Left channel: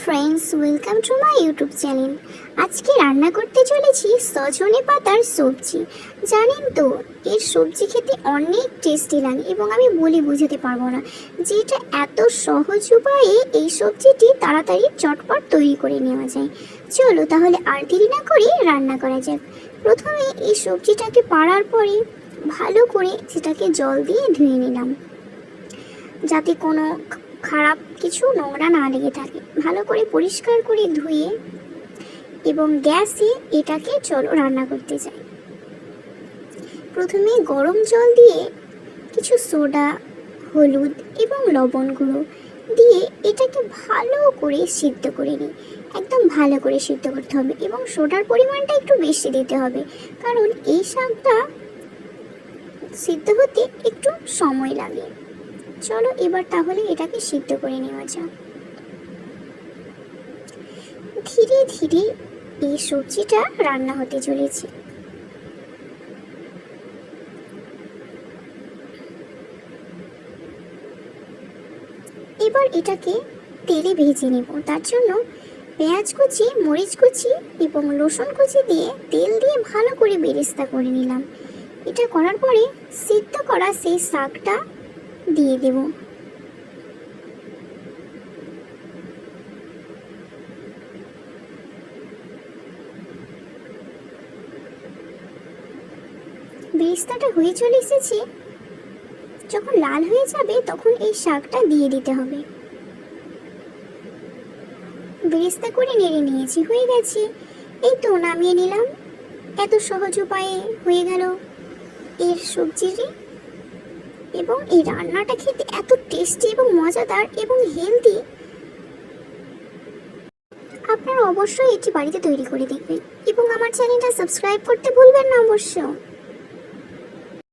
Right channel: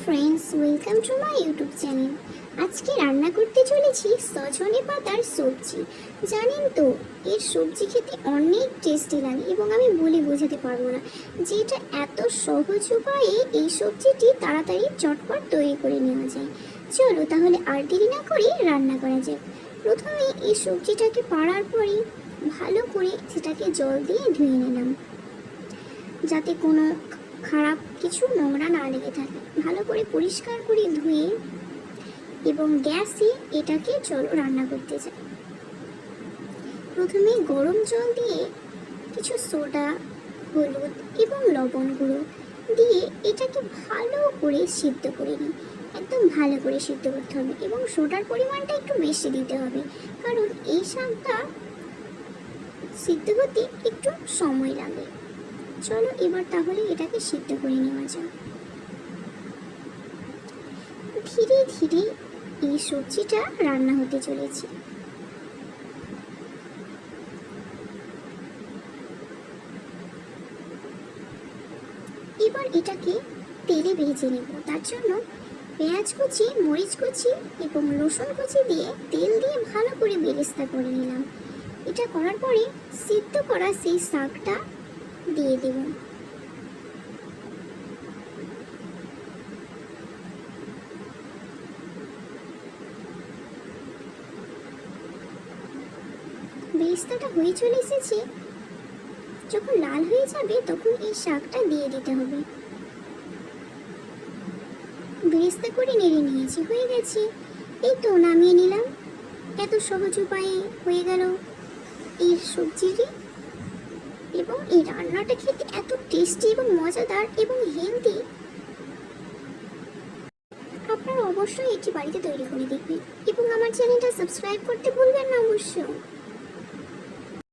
Friends, welcome to my YouTube channel. আজকে রান্না করতে চলেছি সজনে পাতার সবজি। জানেন তো, এর সবজি খেতে অনেক টেস্টি লাগে এবং আমি বলে বোঝাতে পারবো না যে এটা এত সহজ উপায়ে এই সবজিটি তাড়াতাড়ি চটপট তৈরি করে নেওয়া যায়। চলো তাহলে আর দেরি না করে রান্না করা যাক। প্রথমে এই সবজিটাকে পাড়ার পরে ভালো করে সেটাকে জল দিয়ে ধুয়ে নিলাম, যাতে কোনো খারাপ কিছু নোংরা না লেগে থাকে। ভালো করে পরিষ্কার করে ধুয়ে এবং গ্যাসে এটাকে চলো রান্না করতে যাই। প্রথমে গরম জল দিয়ে কিছু সোডা, হলুদ এবং লবণ গুঁড়ো দিয়ে এটাকে ভালো করে সিদ্ধ করে নিই। একদম ভালো করে সিদ্ধ করতে হবে এবং সোডার পরিমাণটা একটু বেশি দিতে হবে, কারণ এই শাকটা সিদ্ধ হতে একটু সময় লাগে। চলো এবার তাহলে এটাকে সিদ্ধ করে নেওয়া যাক। ধীরে ধীরে এই সবজিটা রান্না হতে চলেছে। এবার এটাকে তেলে ভেজে নেব। তার জন্য পেঁয়াজ কুচি, মরিচ কুচি এবং রসুন কুচি দিয়ে তেল দিয়ে ভালো করে বেরেস্তা করে নিলাম। এটা করার পরে সিদ্ধ করা সেই শাকটা দিয়ে দেব। বেরেস্তাটা হয়ে চলে এসেছে। যখন লাল হয়ে যাবে তখন এই শাকটা দিয়ে দিতে হবে। বেরেস্তা করে নেড়ে নিয়েছি, হয়ে গেছে। এই তো নামিয়ে নিলাম। এত সহজ উপায়ে হয়ে গেল এর সবজিটি। এবং এই রান্নাটা খেতে এত টেস্টি এবং মজাদার এবং হেলদি। আপনারা অবশ্যই এটি বাড়িতে তৈরি করে দেখবেন এবং আমার চ্যানেলটা সাবস্ক্রাইব করতে ভুলবেন না অবশ্য।